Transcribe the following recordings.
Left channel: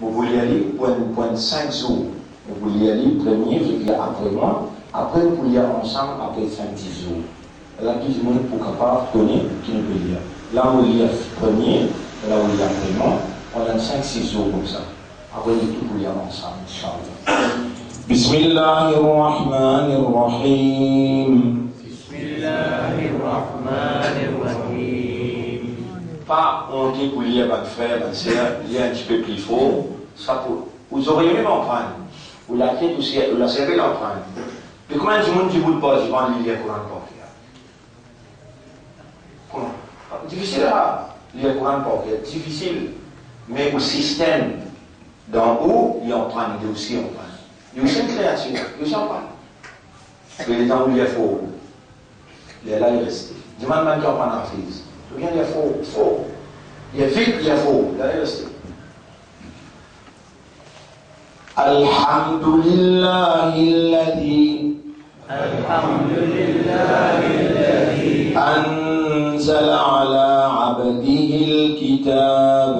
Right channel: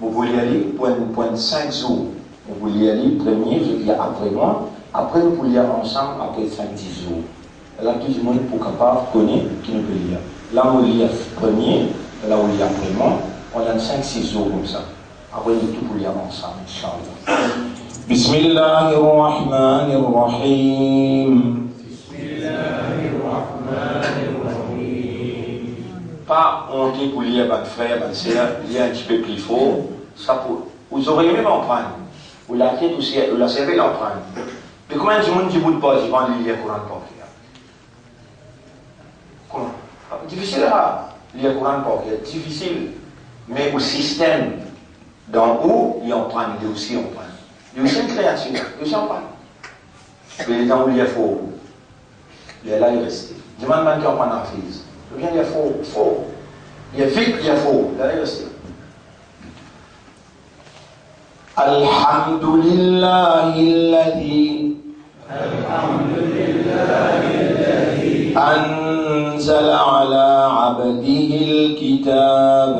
Vous voulez aller pour 5 jours. Vous voulez aller premier, je dis après moi. Après, vous pouvez aller ensemble après 5-10 jours. Là, tout le monde pour capable connaître qui ne peut lire. Là, on lit premier, là, on lit après moi. On a 5-6 jours comme ça. Après, tout pour lire ensemble, Inch'Allah. Bismillahirrahmanirrahim. Pas honte pour lire votre frère, votre soeur, lire un petit peu plus fort. Ça pour... Vous auriez même l'emprunter. Vous l'avez aussi, vous la servez l'emprunter. Mais comment du monde du bout de pas, je vais lire le Coran pour faire? Comment? Difficile à lire le Coran pour faire. Difficile. Mais au système d'en haut, il emprunte, il aussi emprunte. Il y a aussi une créature, il aussi emprunte. Mais les gens où il est faux, il est là, il reste. Demande même qui emprunte en fils. Je viens dire faux. Il est vite, il est faux. Là, il reste. Alhamdulillahi alladhi anzala ala abdihi al-kitab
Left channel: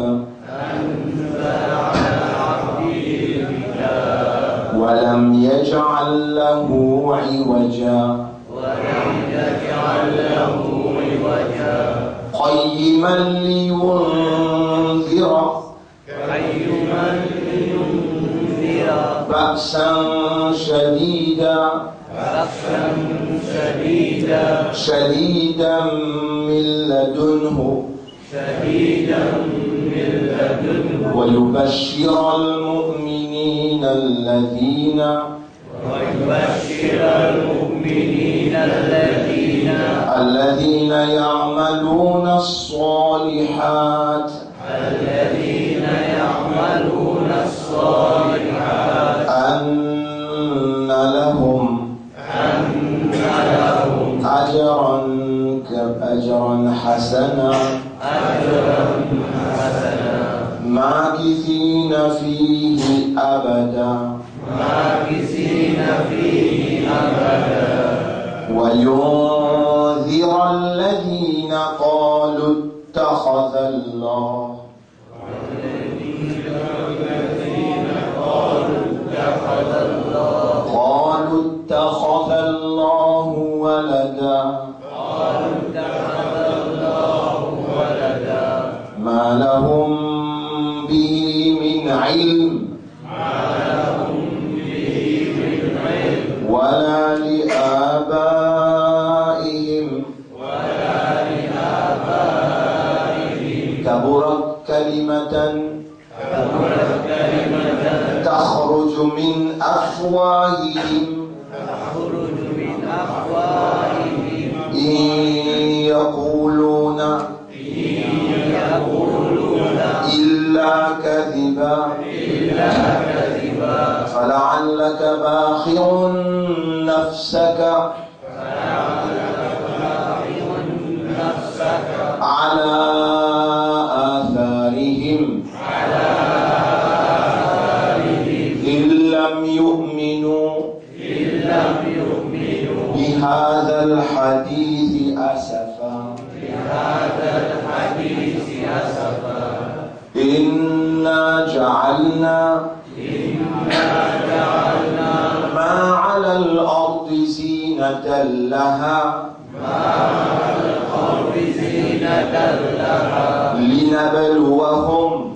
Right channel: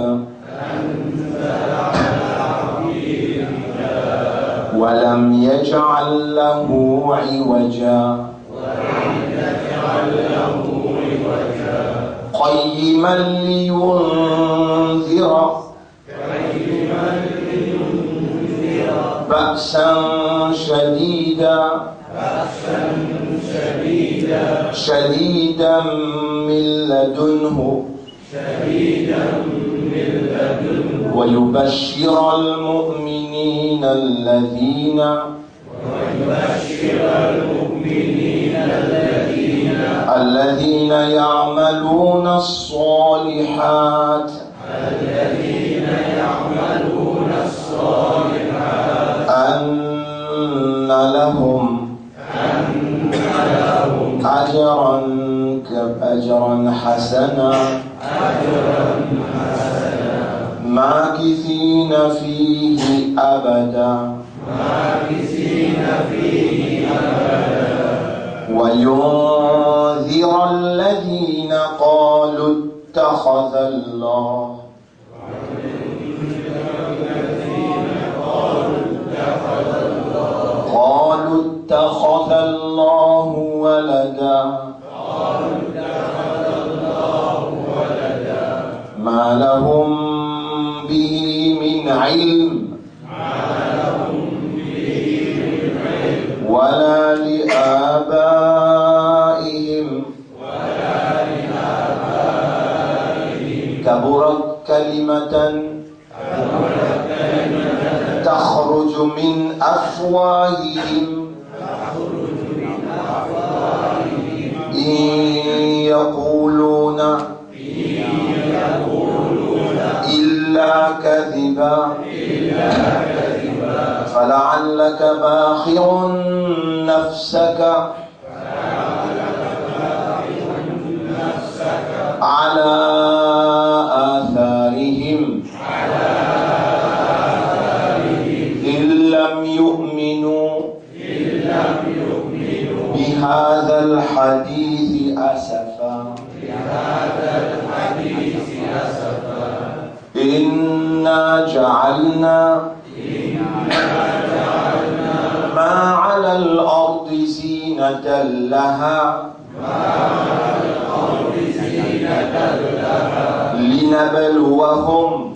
wa lam yaj'al lahu 'iwaja قيما لينذر بأسا شديدا من لدنه ويبشر المؤمنين الذين يعملون الصالحات أن لهم أجرا حسنا ماكثين فيه أبدا وينذر الذين قالوا اتخذ الله ولدا ما لهم به من علم ولا لآبائهم كبرت كلمة تخرج من أفواههم إن يقولون إلا كذبا فلعلك باخع نفسك على آثارهم إن لم يؤمنوا بهذا الحديث أسفا إنا جعلنا ما على الأرض زينة لها لنبلوهم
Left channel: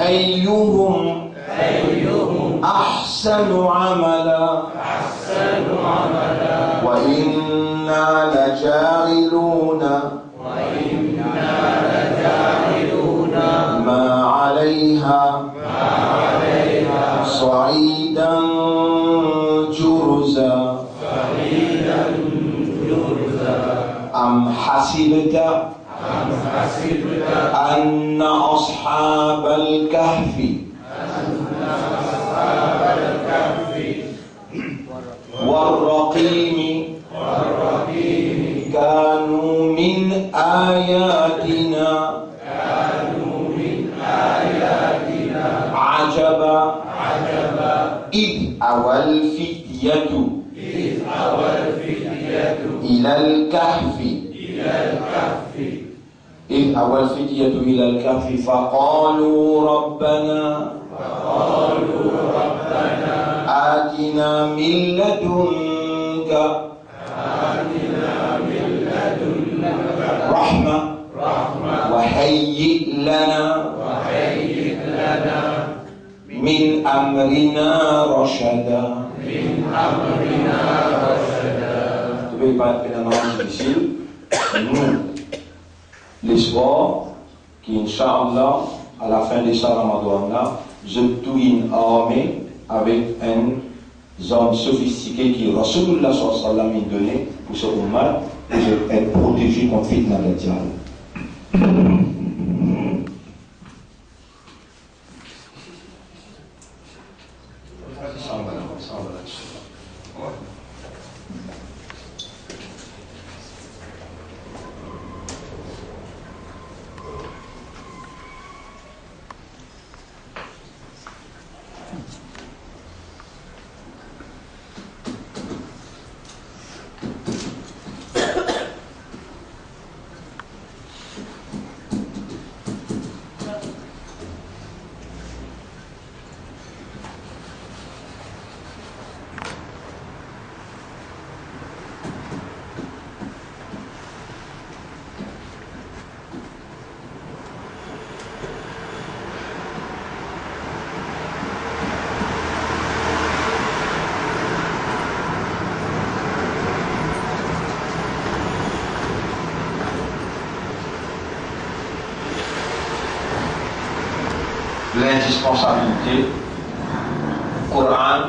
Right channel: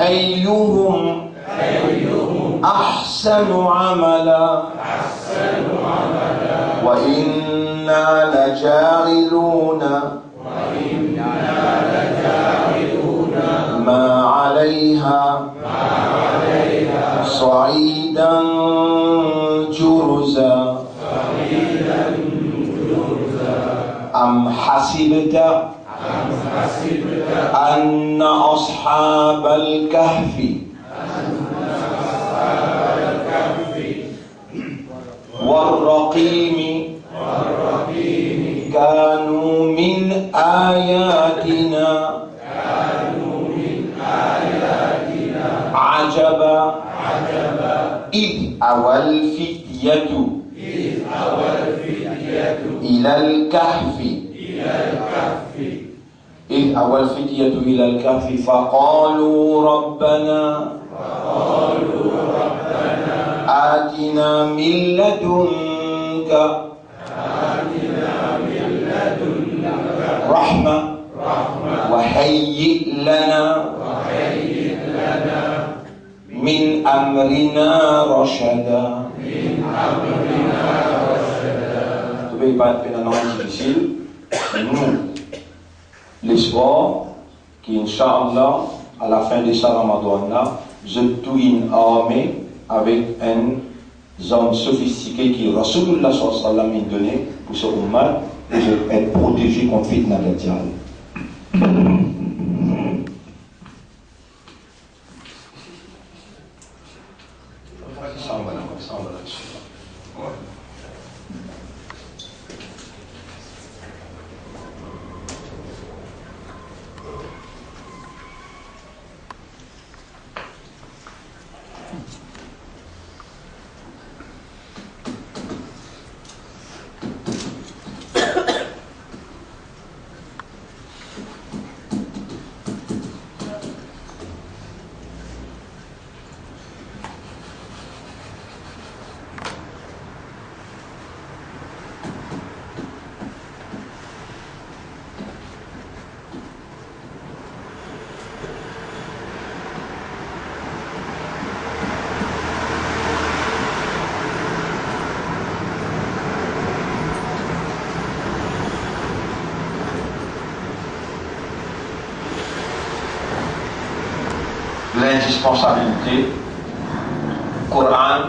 أيهم أحسن عملا وإنا لجاعلون ما عليها صعيدا جرزا أم حسبت أن أصحاب الكهف والرقيم كانوا من آياتنا عجبا إذ أوى الفتية إلى الكهف إذ أوى الفتية إلى الكهف فقالوا ربنا آتنا من لدنك رحمة وهيئ لنا من أمرنا رشدا. Tu peux pas être un ange difficile. Nous, l'espoir qui, Inch'Allah, à la fin de ce Ramadan-là, je tue une armée avec un homme sophistiqué qui Rasulullah sallallahu alayhi wa sallam m'a donné pour ce ummat pour être protégé contre fitna de diable. L'indispensabilité Coran,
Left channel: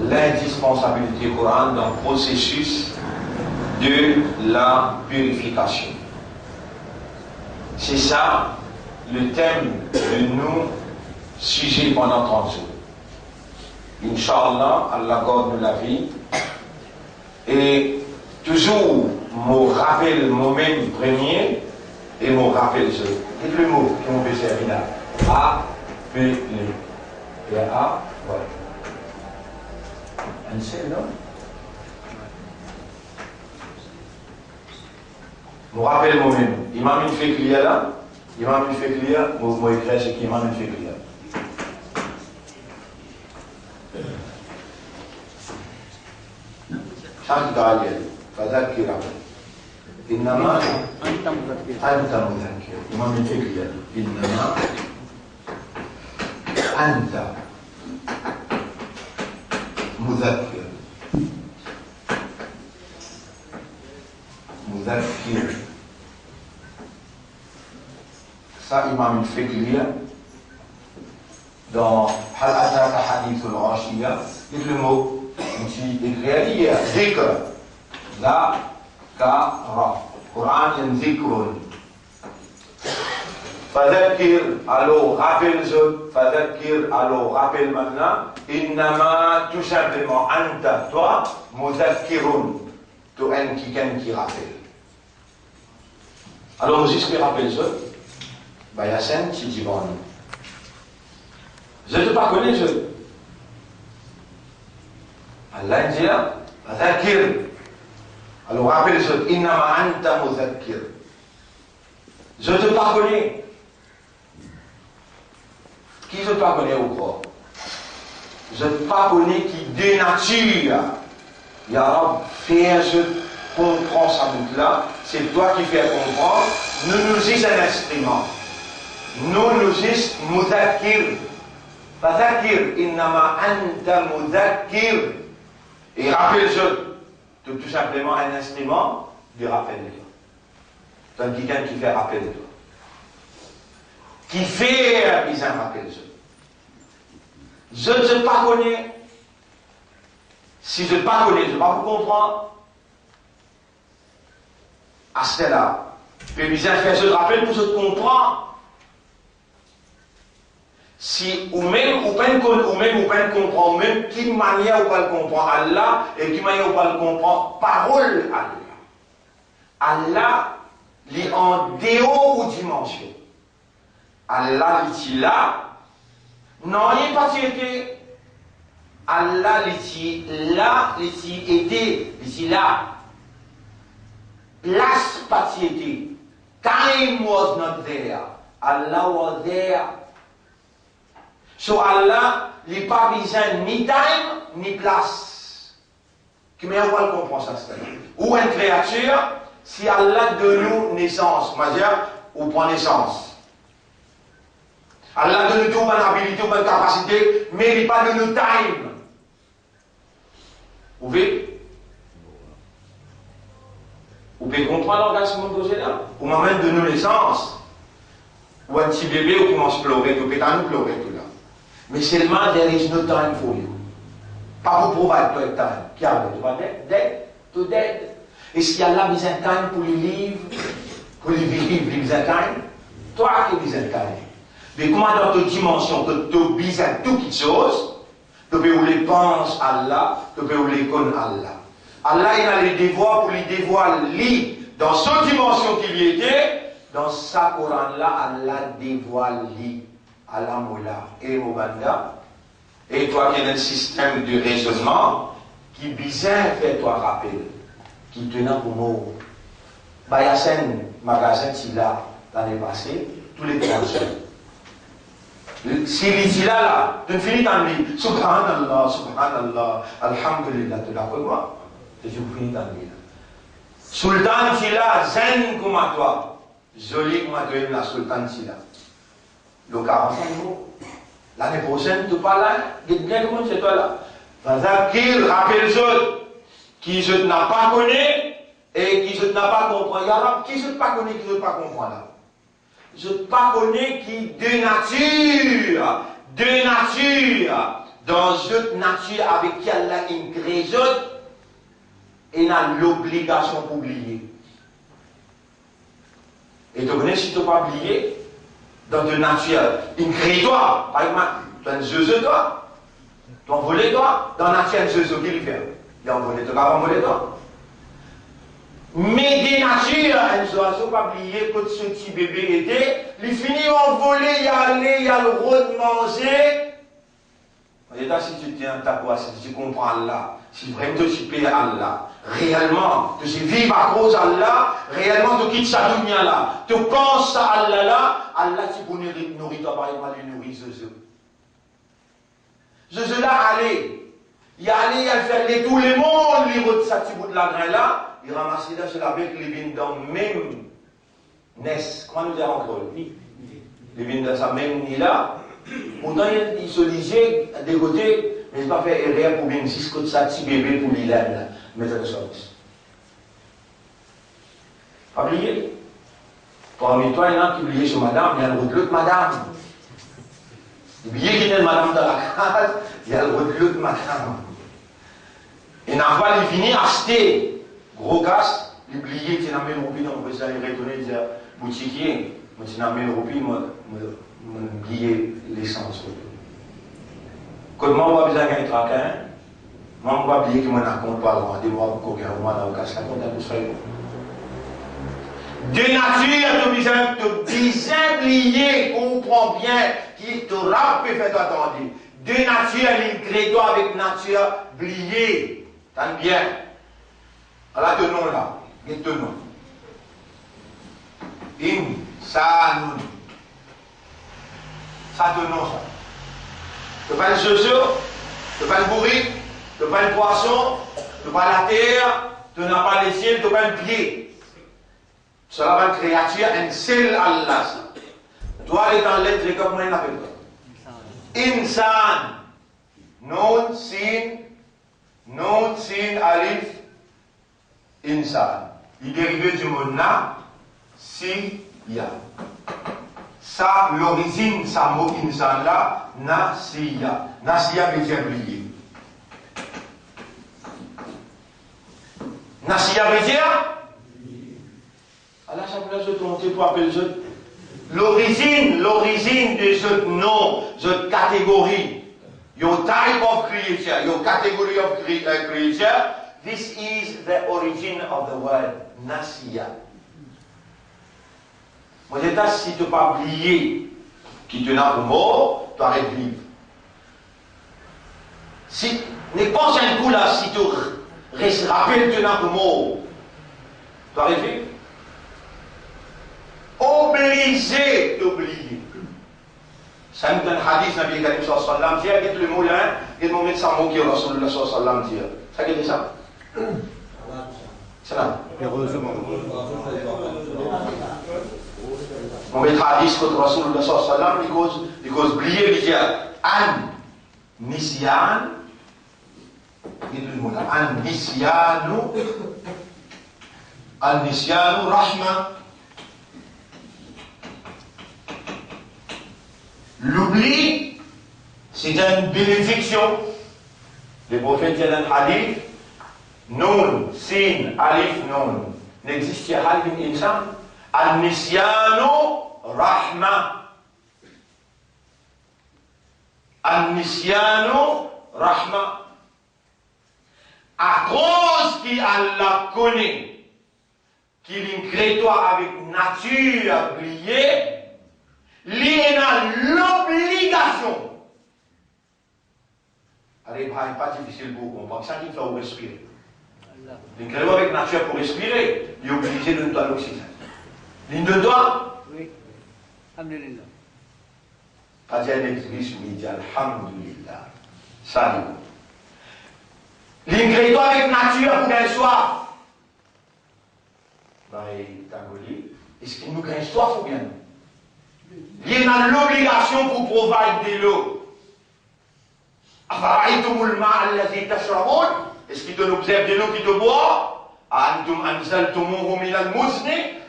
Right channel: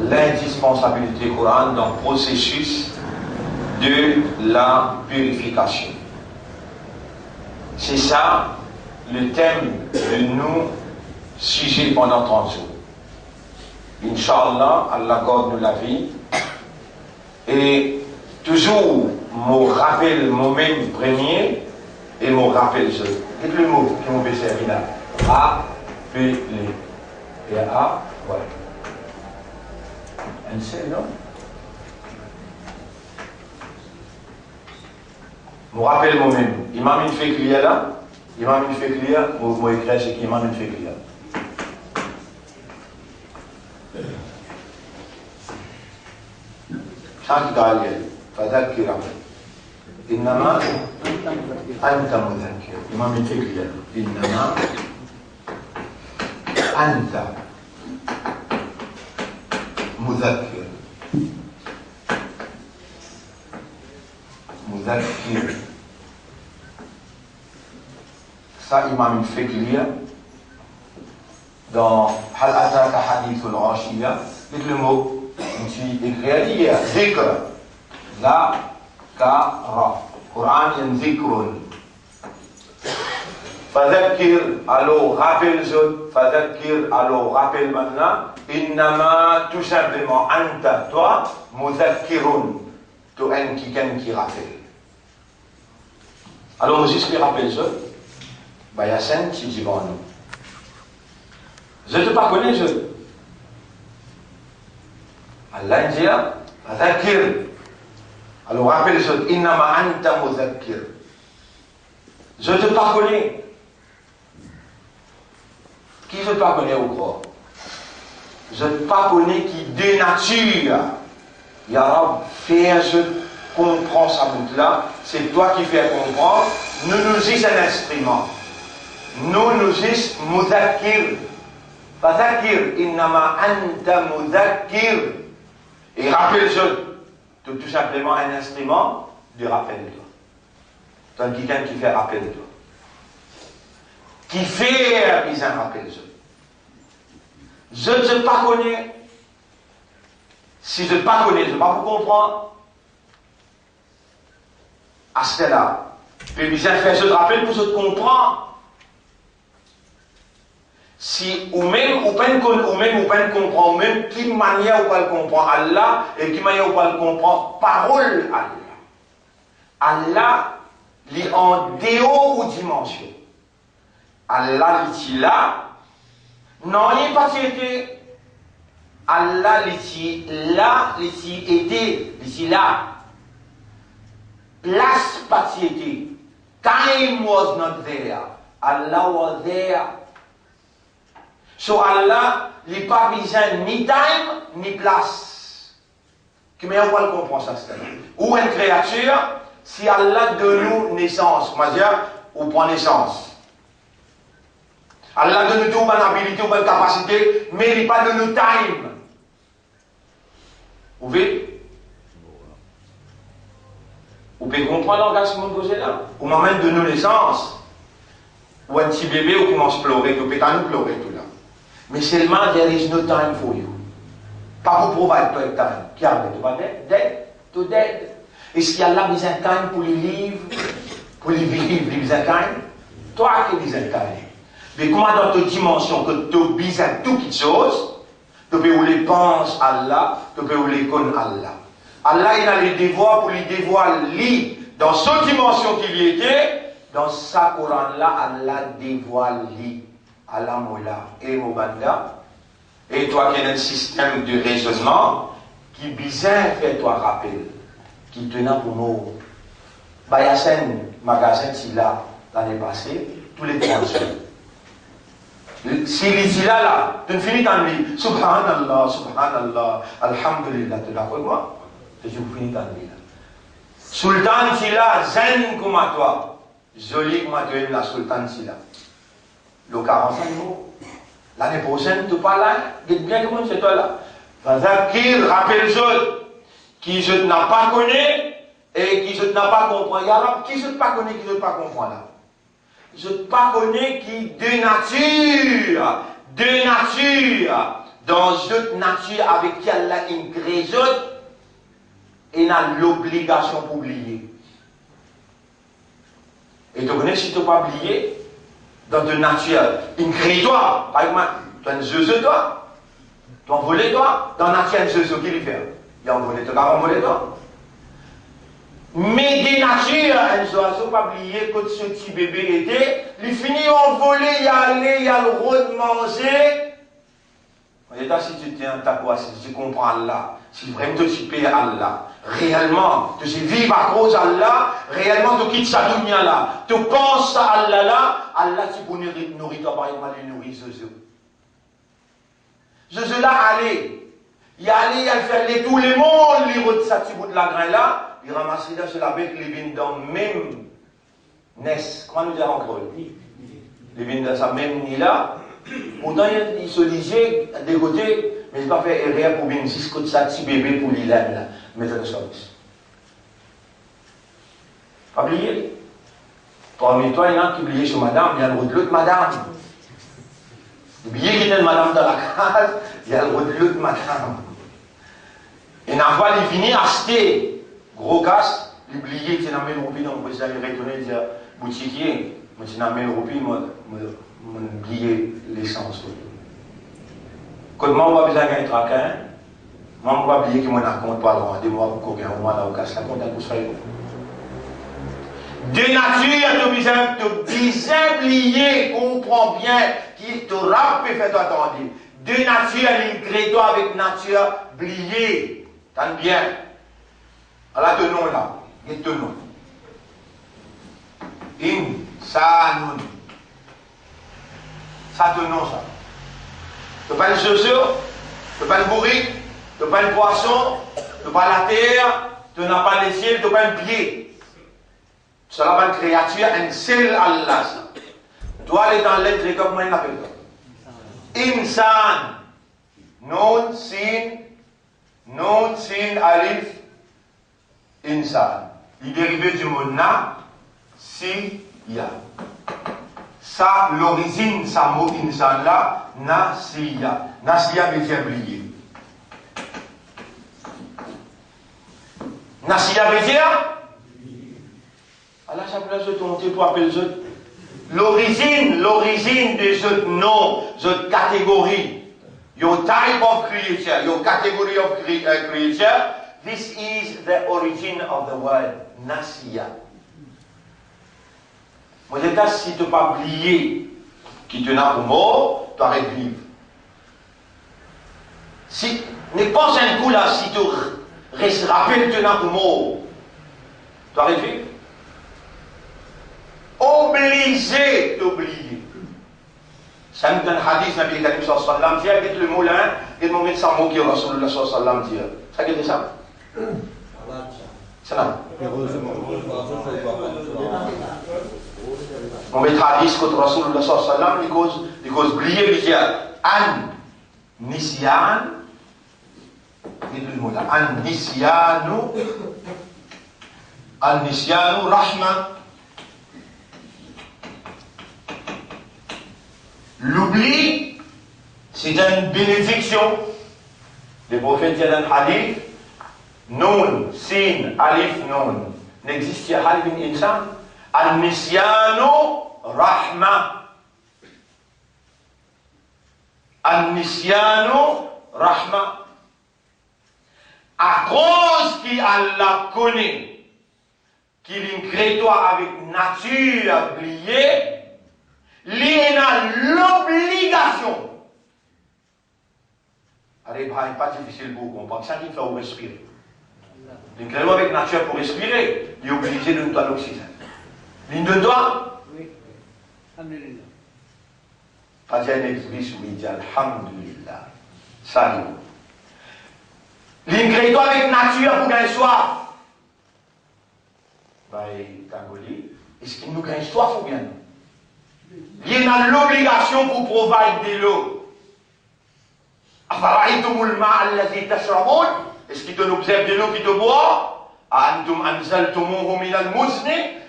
l'indispensabilité Coran dans le processus de la purification. C'est ça le thème de nos sujets pendant 30 jours. Inch'Allah, Allah garde la vie. Et toujours, me rappelle moi-même premier et me rappelle je. Dites le mot qui m'ont servi là. A, P, L. Et A, ouais. Un C, non? Je me rappelle moi-même. Imam une fait clear là. Imam une fait clear. Moi, écrit c'est qu'Imam une fait clear. Chante d'Aliel. فذكر إنما أنت مذكر. إمام une fait clear. إنما أنت مذكر. مذكر. Ça, Imam fait clear dans Hal Ataka Hadith al-Rashiyya. Dites le mot, je écrit hier, Zikr, La, Ka, Quran and Zikrun. Fadakir, alors rappelle-je, Fadakir, alors rappelle maintenant, Innama, tout simplement, Anta, toi, Mudakirun, tu es quelqu'un qui rappelle. Alors, Moses qui rappelle-je, Bayasen, tu dis bon. Je ne te pas connais, je. Allah dit, Fadakir, alors rappelle-je, Innama, Anta, Mudakir. Je te pas connais. Qui je te connais au corps? Je te pas connais qui dénature. Ya Rab, fais je comprends ça bout là. C'est toi qui fais comprendre. Nous nous sommes un instrument. Nous nous sommes mudakir. Fadakir innama anta mudakir. Et rappelle-je, tout simplement un instrument de rappel de toi. Donc quelqu'un qui fait rappel de toi. Qui fait un rappel de toi. Je ne te pas connais. Si je ne pas connais, je ne vais pas vous comprendre. À ce là, je vais faire ce rappel pour se comprendre. Si ou même ou pas comprendre, même qui manière ou pas le comprendre Allah et qui manière ou pas le comprendre parole Allah. Allah est en déo ou dimension. Allah est là, non il n'est pas été. Allah est là, il est aidé, il est là. Place pas été. Time was not there. Allah was there. So Allah, il n'a pas besoin ni time, ni place. Mais on va le comprendre ça, c'est-à-dire. Ou une créature, si Allah donne nous naissance, on va dire, on prend naissance. Allah donne nous toute bonne habilité, bonne capacité, mais il n'a pas donné nous time. Vous voyez? Vous pouvez comprendre l'orgasme posé là? Au moment de nos naissances, ou un petit bébé, on commence à pleurer, tout peut nous pleurer tout là. Mais seulement, there is no time for you. Pas pour provide toi time. Qui a tu vas dead, to dead. Est-ce qu'il y a là besoin de time pour les livres, pour les vivre, les besoin de time? Toi qui as besoin de time. Mais comment dans ta dimension, que tu as besoin de toutes choses, tu peux où les penses Allah, tu peux où les connaître Allah. Allah, il a les devoirs pour les dévoiler dans cette dimension qu'il y était, dans sa Coran là, Allah dévoile lui. Allah Moula et Mobanda, et toi qui as un système de raisonnement, qui bizarre fait toi rappel, qui tenant pour moi, bah, il y a un magasin qui là, l'année passée, tous les 3 jours. Si il dit là, tu finis dans lui, Subhanallah, Subhanallah, Alhamdulillah, tu l'as fait quoi? Tu finis dans lui. Sultan dit là, zen comme à toi, joli comme à toi, la Sultan dit là. Le 45 jours. L'année prochaine, tu parles là, dites bien comment c'est toi là. Parce qu'il rappelle ceux qui je n'ai pas connu et qui je n'ai pas compris. Alors, qui je n'ai pas connu, qui je n'ai pas compris là. Je n'ai pas connu qui de nature, dans cette nature avec qui Allah a créé, et n'a l'obligation pour oublier. Et tu connais si tu n'as pas oublié, dans ta nature, il crée toi. Par exemple, tu as un zeuze toi. Tu as envolé toi. Dans la nature, un zeuze qui lui fait. Il a envolé toi, il a envolé toi. Mais des natures, un oiseau pas oublié que ce petit bébé était, il finit envolé, il a le droit de manger. Et là, si tu tiens ta voix, si tu comprends Allah, si vraiment tu payes Allah, réellement, tu vis à cause d'Allah, réellement tu quittes sa dunya là, tu penses à Allah là, Allah tu peux nourrir toi par exemple, il nourrit Zeuze. Zeuze là, allez, il a fait tout le monde, il roule sa petit bout de la grain là, il ramasse là sur la bête, il vient dans le même nest, comment nous dire encore? Il vient dans sa même nid là. Pourtant, il se lisait des côtés, mais il n'a pas fait erreur pour bien 6 côtés de sa petit bébé pour l'Ilan, mais ça ne service. Pas oublier. Parmi toi, il y en a qui oublient sur madame, il y a le route de l'autre madame. Il oublié qu'il y a une madame dans la case, il y a le route de l'autre madame. Et n'a pas il finit à acheter gros casse, il oublié qu'il y a une roupie dans le président, il retourne et dit boutiquier, moi, il y a une roupie, moi, oublier l'essence. Quand moi, on va besoin d'un traquin, moi, on va oublier que moi, je compte pas le rendez-vous pour qu'on ait un moment dans le ça compte à tout ça. De nature, tu besoin oublier, comprends bien, qui te rappelle, fais-toi attendre. De nature, il toi avec nature, oublier. T'as bien. Alors, te nom là, et te nom. Insanun. Ça te nom, ça. Tu pas le zozo, tu pas le bourrique, tu pas le poisson, tu pas la terre, tu n'as pas les ciels, tu pas le pied. Cela va une créature, un seul Allah. Toi, elle est dans l'être, comment il appelle ça? Insan. Non, sin, alif, insan. Il est dérivé du mot na, si, ya. Ça, l'origine, ça mot insan là, nasiya. Nasiya veut dire oublier. Nasiya veut dire? Allah, ça peut se monter pour appeler l'origine de ce nom, cette catégorie. Your type of creature, your category of creature, this is the origin of the word nasiya. Moi, si tu n'as pas oublié qui te n'a pas mort, tu arrêtes de vivre. Si, ne pense un coup là, si tu rappelles que tu n'as pas mort, tu arrêtes de vivre. obligé d'oublier. Ça nous donne hadith, Nabi Karim sallallahu alayhi wa sallam, dit, le moulin, et le moment de sa mot qui est Rasulullah sallallahu alayhi wa sallam, dit. Ça dit ça? C'est là. On met hadith contre Rasulullah sallallahu alayhi wa sallam, because oublier, il dit, an nisyan, dit le moulin, an nisyanu rahma. L'oubli, c'est une bénédiction. Les prophètes disent dans le hadith, Nun, Sin, Alif, Nun. N'existe pas un insan. An-nisyanu rahma. An-nisyanu rahma. À cause qu'Allah connaît, qu'il est avec nature à oublier, il a l'obligation. Allez, ce n'est pas difficile pour comprendre. Ça qui fait respirer. Il est avec nature pour respirer. Il est obligé de nous donner l'oxygène. Il de doit. Oui. Alhamdulillah. Pas dire un exercice où il dit Alhamdulillah. Salut. Il avec nature pour gagner soif. Est-ce qu'il nous gagne soif ou bien non? Il y a l'obligation pour provide de l'eau. Est-ce qu'il te observe de l'eau qui te boit?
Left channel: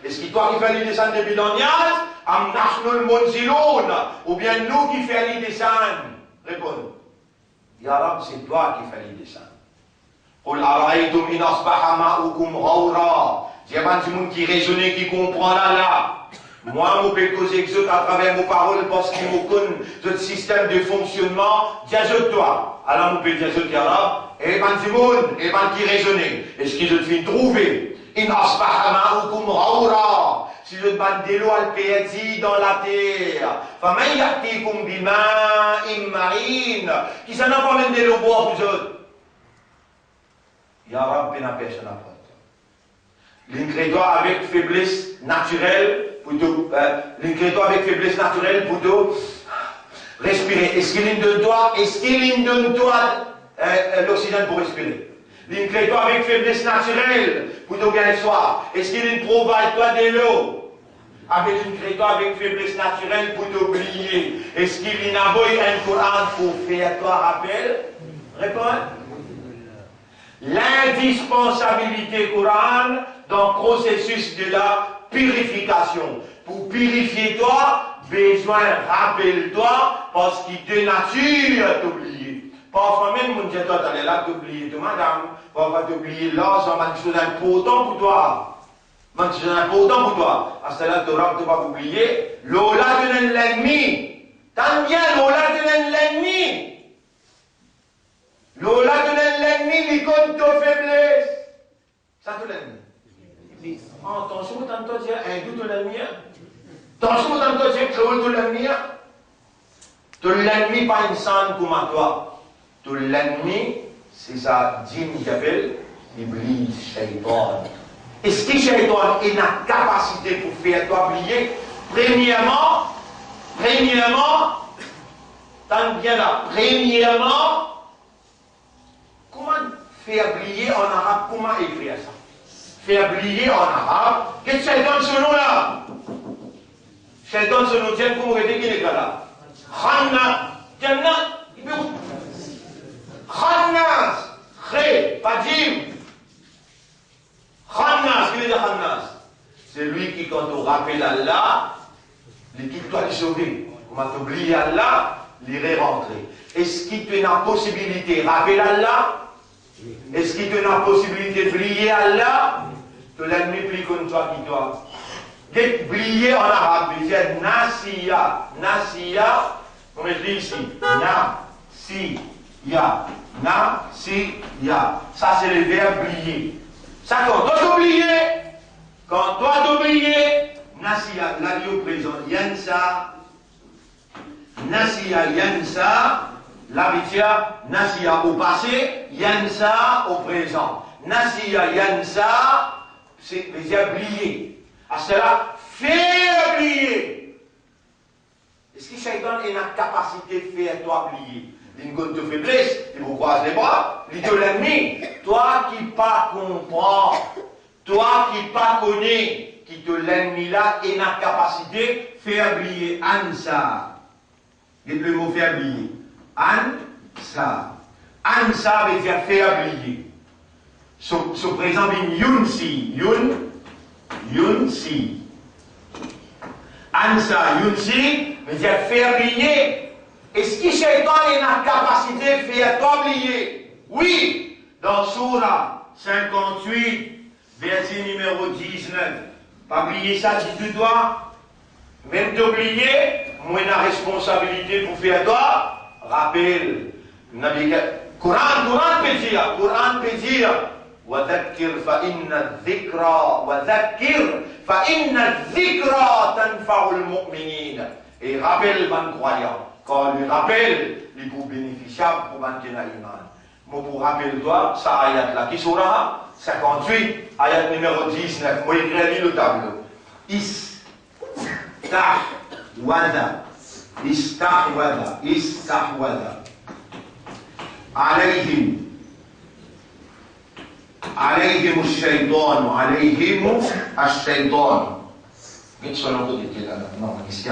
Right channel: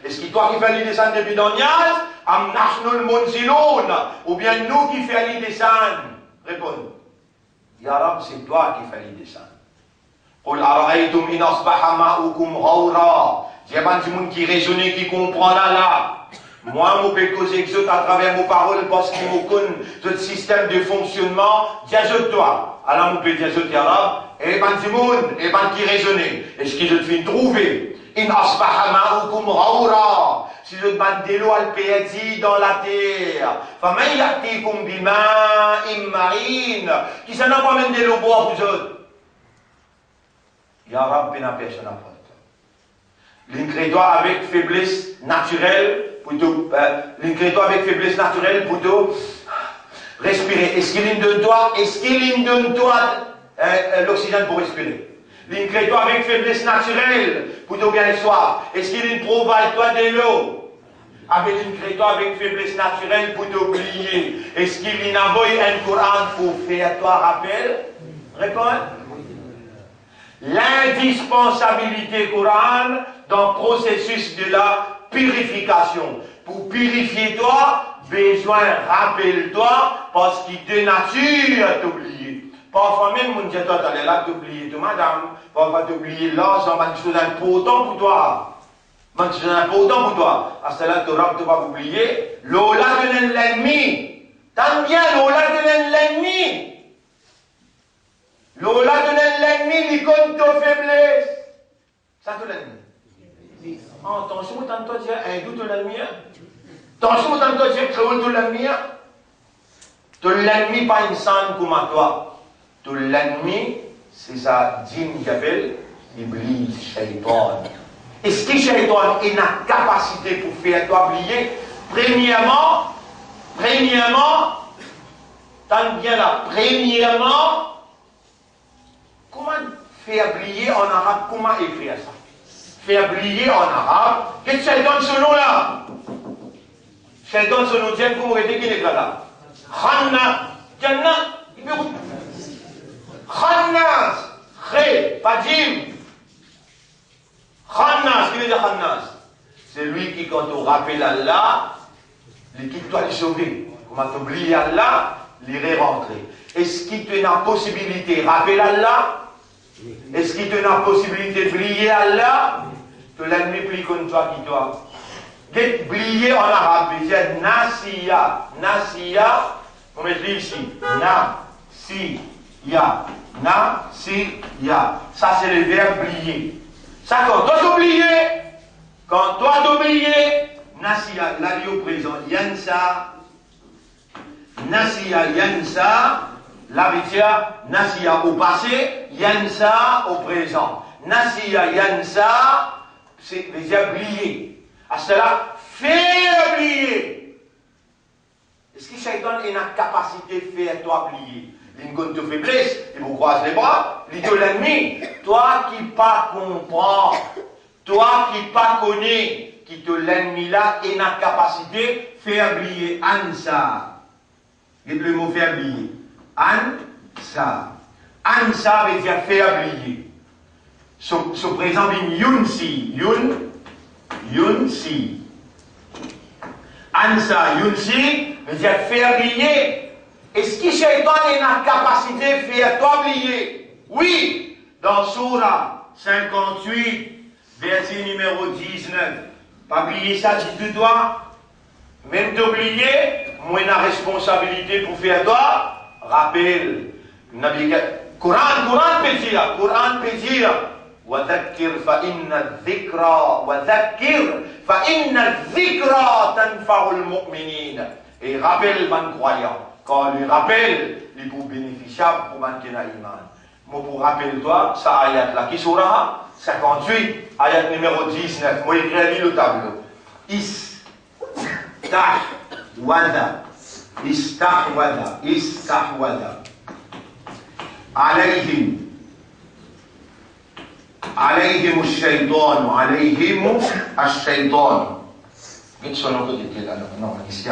Est-ce qu'il doit faire les descendre de bidonias? Ou bien nous qui faisons les descendre? Réponds. Ya Rab, c'est toi qui fais les descendre. Il y a des gens qui raisonnent, qui comprennent là. Moi, je peux causer à travers mes paroles parce qu'ils me connaissent ce système de fonctionnement. Dis-je toi. Alors, je peux dire ce arabe. Et ben, du monde, et ben, qui raisonne. Est-ce que je te fais trouver? In asbaha ma'ukum ghawra. Si je demande de l'eau al péadi dans la terre. Faman yatikum bima'in ma'in. Qui ça n'a pas même de l'eau pour vous autres? Ya Rabbi n'a personne à faire. L'ingrédient avec faiblesse naturelle. L'ingrédient avec faiblesse naturelle pour te respirer. Est-ce qu'il donne toi l'oxygène pour respirer? L'ingrédient avec faiblesse naturelle pour te gagner soif. Est-ce qu'il provide toi de l'eau? Avec l'ingrédient avec faiblesse naturelle pour t'oublier. Est-ce qu'il envoie un Coran pour faire toi rappel? Réponds. L'indispensabilité Coran dans le processus de la purification. Pour purifier toi, besoin, rappelle-toi, parce qu'il te nature t'oublier. Parfois même, mon Dieu, toi, t'allais là t'oublier, toi, madame. Parfois t'oublier l'argent, c'est une chose importante pour toi. C'est une chose importante pour toi. À cela, tu ne vas pas oublier. L'ola de l'ennemi. T'aimes bien l'ola de l'ennemi. L'ola de l'ennemi, il compte ta faiblesse. Ça, tout l'ennemi. Attention, tant que tu as un doute de l'ennemi. Attention, tant que tu as créé de l'ennemi. Tout l'ennemi, pas une scène comme toi. Tout l'ennemi, c'est ça, djinn qui appelle Iblis, Shaitan. Est-ce que Shaitan a une capacité pour faire toi oublier? Premièrement, tant bien là, comment faire oublier en arabe? Comment écrire ça? Faire oublier en arabe. Qu'est-ce que Shaitan ce nom là? Shaitan ce nom, tiens, comment est-ce qu'il est là? Khanna, Janna, il peut. Khannas, Khé, pas Jim. Khannas, qu'est-ce qu'il veut dire Khannas? C'est lui qui, quand on rappelle Allah, l'équipe doit le sauver. Comment t'oublier Allah, l'irait rentrer. Est-ce qu'il te a la possibilité de rappeler Allah? Est-ce qu'il te a la possibilité de briller Allah? Tu l'ennemi plus comme toi qui doit. Briller en arabe, c'est Nasiya. Nasiya, comme je dis ici. Nasiya. Nasiya. Ça, c'est le verbe briller. Ça, quand toi t'oublier, Nasiya, là, il est au présent. Yansa. Nasiya, Yansa. Là, il y a Nasiya au passé, Yansa au présent. Nasiya, Yansa, c'est les oublier. À cela, faire oublier. Est-ce que Shaitan a une capacité de faire toi oublier? Il ne te faiblesse, il vous croise les bras, il te l'ennemi. Toi qui pas comprends, toi qui pas connais, qui te l'ennemi là, et n'a capacité de faire oublier. Ansa. Le mot faire oublier. Ansa. Ansa veut dire faire oublier. Sur par exemple, Yunsi. Yunsi. Ansa, Yunsi veut dire faire oublier. Est-ce que Shaitan a une capacité de faire toi oublier? Oui, dans Surah 58, verset numéro 19. Pas oublier ça si tu dois. Même t'oublier, moi j'ai la responsabilité pour faire toi. Rappel. Coran peut dire. وذكر فإن الذكرى تنفع المؤمنين. Et rappelle mon croyant. Quand le rappel, il est pour bénéficiable pour maintenir l'iman. Moi, pour rappelle-toi, ça ayat là, qui sera 58, ayat numéro 19. Moi, écris le tableau. Istahwada. عليهم الشيطان. Quel sont nos côtés là? Non, ici.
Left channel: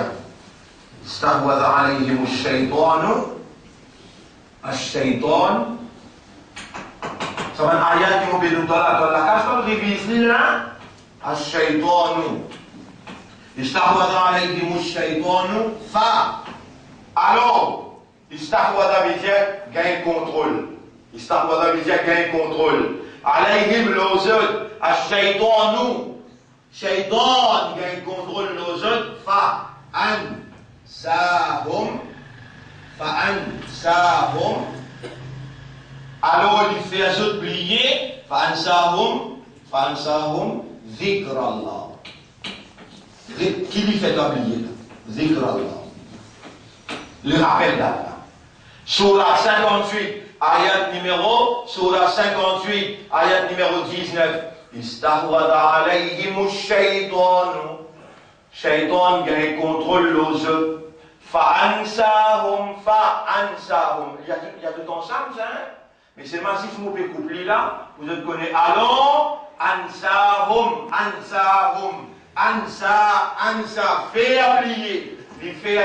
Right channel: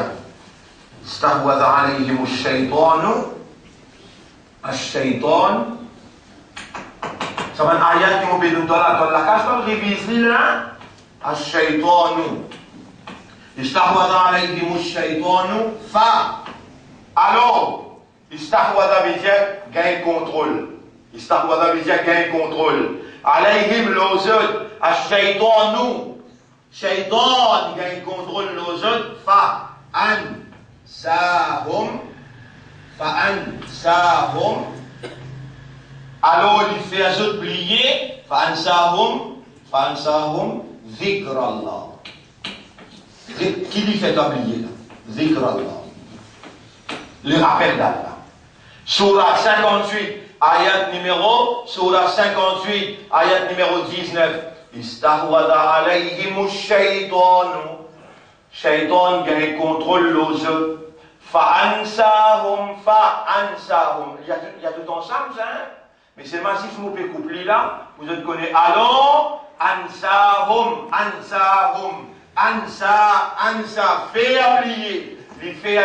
استحوذ عليهم الشيطان. سواء آيات مبين طلع كاشف الغيبيسي لا الشيطان استحوذ عليهم الشيطان alors استحوذ بيجا gain contrôle. استحوذ بيجا gain contrôle. عليهم los autres الشيطان شيطان gain contrôle los autres فأنساهم alors il fait à oublier فأنساهم ذكر الله. Qui lui fait oublier là? ذكر الله, le rappel d'Allah. Surah 58 ayat numéro 19. استحوذ عليهم الشيطان. Shaitan gagne contrôle les autres. Fa'ansahum. Il y a tout ensemble, ça, hein? Mais c'est massif, vous pouvez coupler là. Vous êtes connaissez. Allons, ansahum. Ansa, faire oublier. Il fait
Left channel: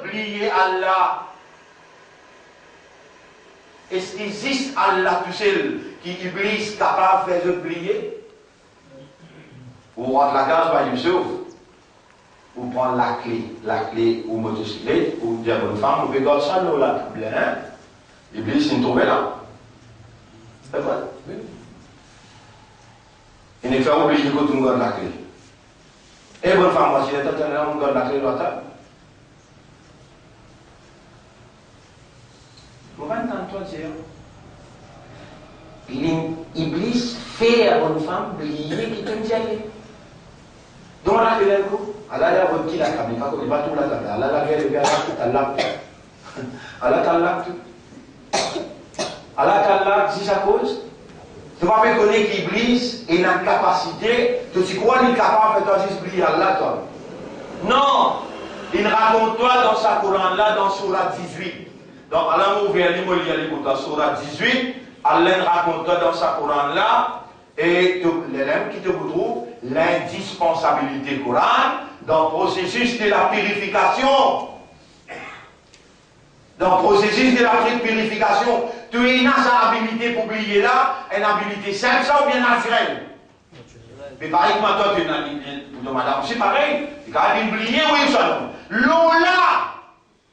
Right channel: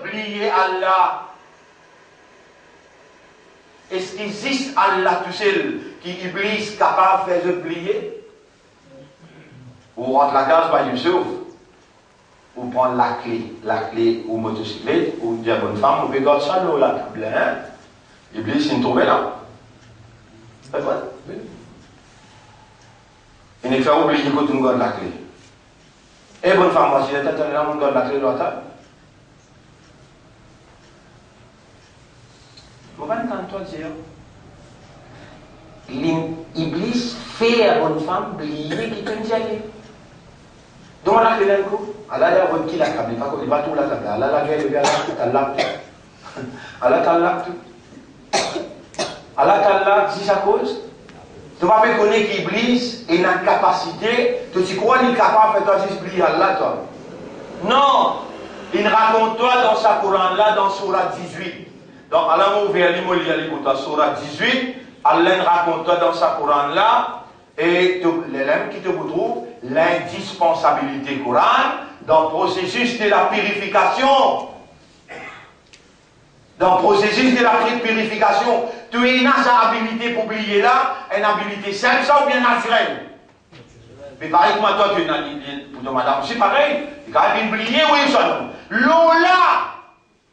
oublier Allah. Est-ce qu'il existe Allah tout seul qui Iblis capable de faire oublier? Vous rentrez la case par Youssouf. Vous prenez la clé au motocyclette, ou dire à bonne femme, vous regardez ça, là, la table, hein? Iblis, il est tombé là. C'est vrai? Oui. Il ne fait oublier que tu me gardes la clé. Et bonne femme, moi, si je t'attends là, on me garde la clé de la table. Vous allez entendre toi dire, l'Iblis fait à bonne femme oublier qu'il te dit aller. Donc, on a fait le coup. Allah ya waki la kabli pas comme tout la table. Allah la gueule bien Allah t'Allah si ça cause. Tu vas pas connaître qu'Iblis a une capacité. Tu sais quoi il est capable de faire oublier Allah toi? Non. Il raconte toi dans sa Coran là dans Surah 18. Donc Allah m'a ouvert l'immobilier dans Surah 18. Allah raconte toi dans sa Coran là. Et l'élève qui te retrouve l'indispensabilité Coran dans le processus de la purification. Dans le processus de la purification, tu as une habilité pour oublier là, une habilité simple ça ou bien naturelle? Mais pareil que moi, toi, tu as une habilité pour madame, c'est pareil. Tu as oublié, oui, ça non. L'eau là,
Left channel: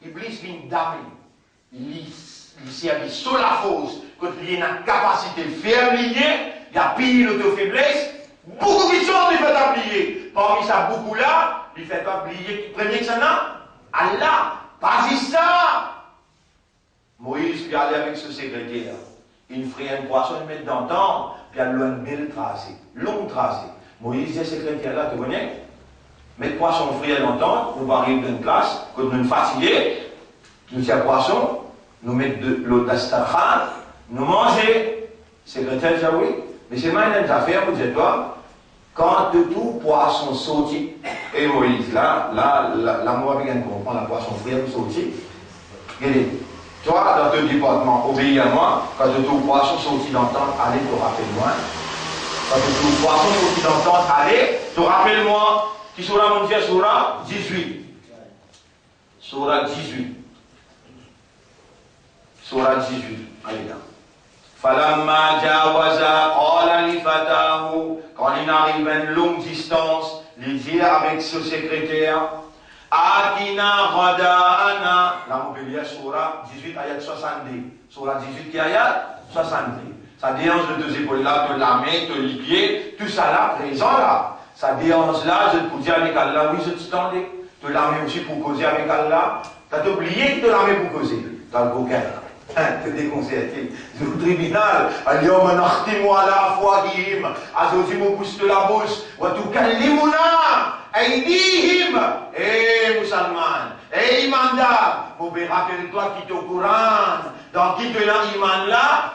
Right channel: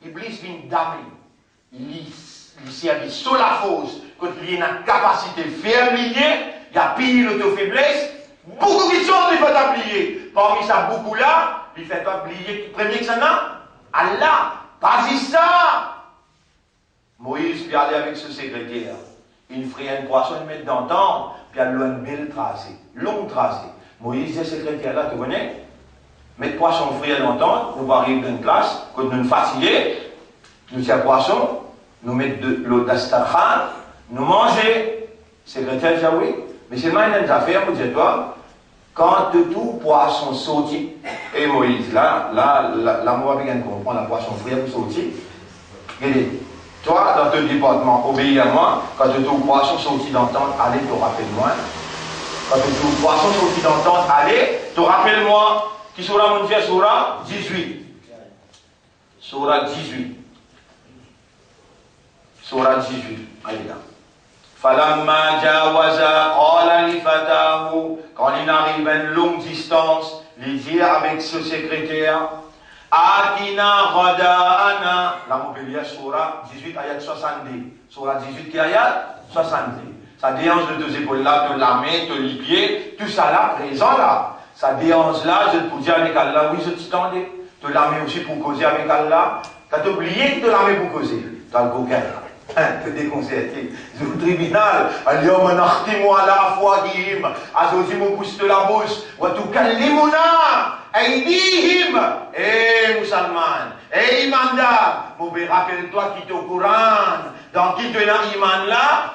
Iblis vient d'amener. Il servi sur la fosse, quand il y a une capacité de faire oublier, il y a pire l'auto-faiblesse, beaucoup de choses il fait oublier. Parmi ça, beaucoup là, il fait oublier, premier que ça n'a, Allah, pas juste ça. Moïse puis aller avec ce secrétaire. Il ferait une poisson, il met dans le temps, puis il a une belle tracée, longue tracée. Moïse, ce secrétaire là, tu connais? Mettre poisson frais longtemps, nous arriver dans une classe, quand nous nous fatigués, nous tiens poisson, nous mettre de l'eau d'astarkhan, nous manger. Secrétaire dit oui, mais c'est mal une affaire, vous dites toi, Quand tout poisson sorti, et Moïse, là, moi, bien comprendre la poisson frère sorti. Regardez, toi, dans ton département, obéis à moi, quand tout poisson sorti d'entendre, allez, te rappelle-moi. Quand tout poisson sorti d'entendre, allez, te rappelle-moi. Qui sera mon Dieu, sera 18. Sura 18. Sura 18. Allez là. Falamma jawaza qala li fatahu, quand il arrive à une longue distance, il dit avec ce secrétaire, Atina Rada'ana, là on peut lire Surah 18 ayat 70. Surah 18 qui ayat 70. Ça déhanche de deux épaules là, de la main, de les pieds, tout ça là, présent là. Ça déhanche là, je te dis avec Allah, oui je t'attendais. De la main aussi pour causer avec Allah. T'as oublié de la main pour causer. Dans le bouquin là. Te déconcerté. Le tribunal, اليوم نختم على أفواههم أزوجهم بوست la bouche وتكلمنا أيديهم. Eh musulman, eh imandar, rappelle-toi qui te courant, dans qui te l'iman là,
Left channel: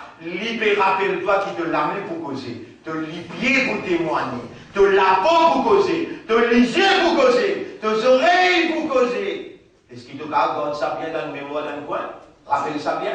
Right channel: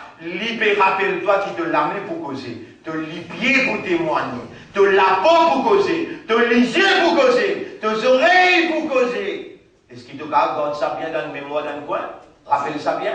rappelle-toi qui te la main pour causer, te les pieds pour témoigner, te la peau pour causer, te les yeux pour causer, tes oreilles pour causer. Est-ce qu'il te garde ça bien dans le mémoire d'un coin? Rappelle ça bien.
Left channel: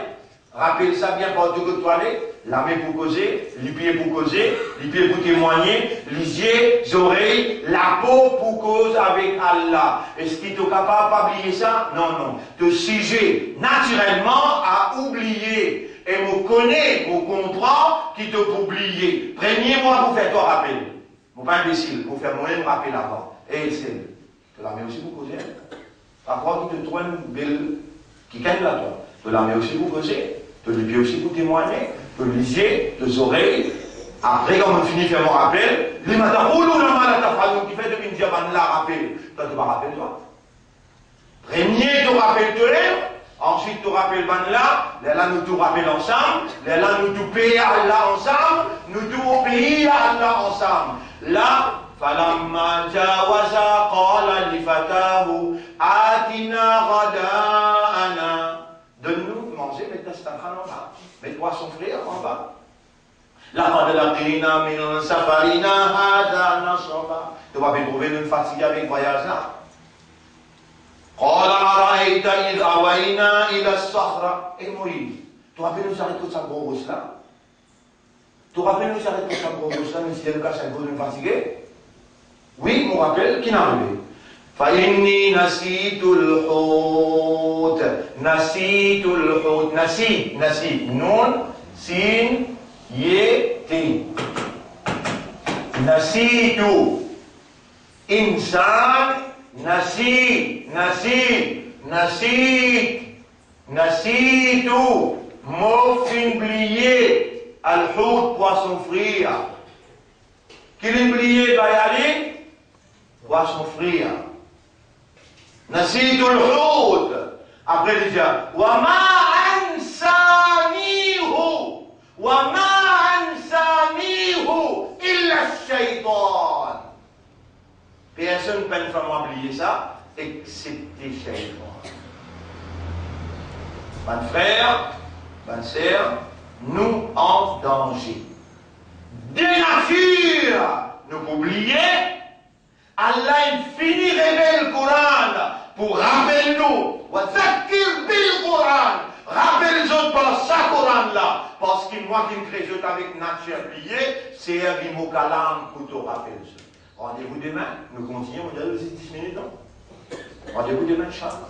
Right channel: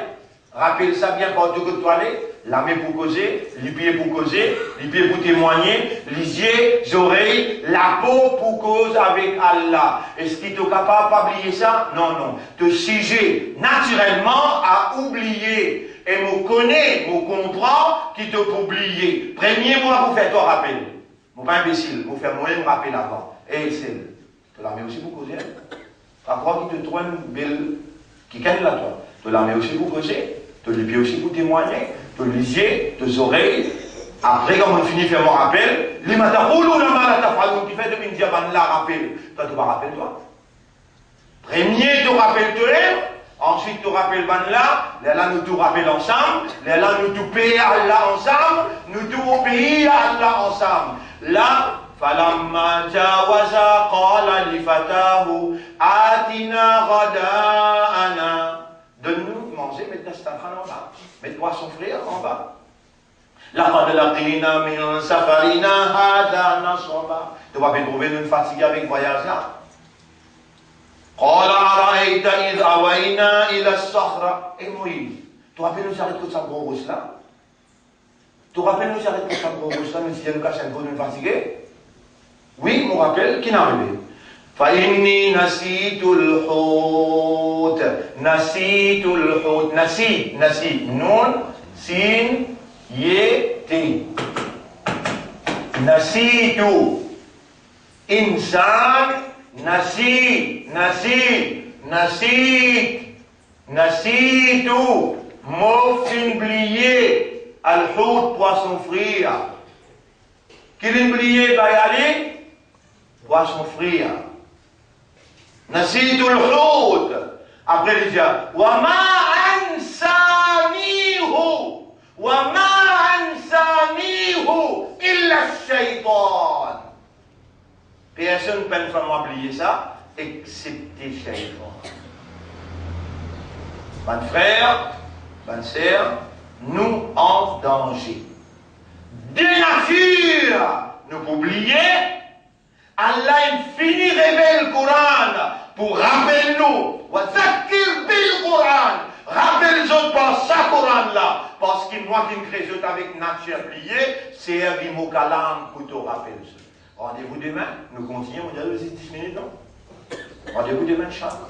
Rappelle ça bien partout que tu allais. La main pour causer, les pieds pour causer, les pieds pour témoigner, les yeux, les oreilles, la peau pour cause avec Allah. Est-ce qu'il est capable d'oublier ça? Non, non. Te sujet naturellement à oublier. Et me connaît, me comprend qui te peut oublier. Premier mois pour faire toi rappel. Mon pas imbécile, pour faire moi-même rappel avant. Et c'est. Tu la mets aussi pour causer. Après, qui te trouve une belle. Qui gagne la toi. Tu la mets aussi pour causer. Tu les pieds aussi pour témoigner. Tu les yeux, tes oreilles. Après, quand on finit de faire mon rappel, les matins, oh là là, qui fait depuis une diamant là, rappel. Toi, tu vas rappeler toi. Premier, tu rappelles toi. Ensuite, tu rappelles ban là. Là, nous tout rappelons ensemble. Là, nous tout payons Allah ensemble. Nous tout obéissons à Allah ensemble. Là, فلما جاوز قال لفتاه آتنا غداءنا. Donne-nous manger, mets ta stafran en bas. Mets-toi son frère en bas. لقد لقينا من سفرنا هذا نصبا. Tu vas bien trouver une fatigue avec voyage là. قال أرأيت إذ أوينا إلى الصخرة. Et Moïse, tu rappelles nous arrêter de sa gros rousse là? Tu rappelles nous arrêter de sa gros rousse là, même si il y a le cas, c'est un gros d'une fatigué? Oui, mon rappel, qui n'a arrivé? فإني نسيت الحوت. نسيت الحوت. نسيت نون سين يتي. نسيت إنسان. نسيت mot oublié. Al-Hout, poisson frit. Qui l'oublié va y aller? Poisson frit. Nasitu al-Hout. Après il dit Wama ansanihu illa shaytan. Personne ne peut pas oublier ça, excepté shaytan. Mon frère, bonne sœur, nous en danger. De nature, nous pouvons oublier, Allah infini révèle le Coran pour rappeler nous. Wazakir bil Coran. Rappelle les autres par sa Coran là. Parce que moi qui me crée avec nature oubliée, c'est un rimo kalam pour te rappeler. Rendez-vous demain, nous continuons, on a 10 minutes, non? Rendez-vous demain, Inch'Allah.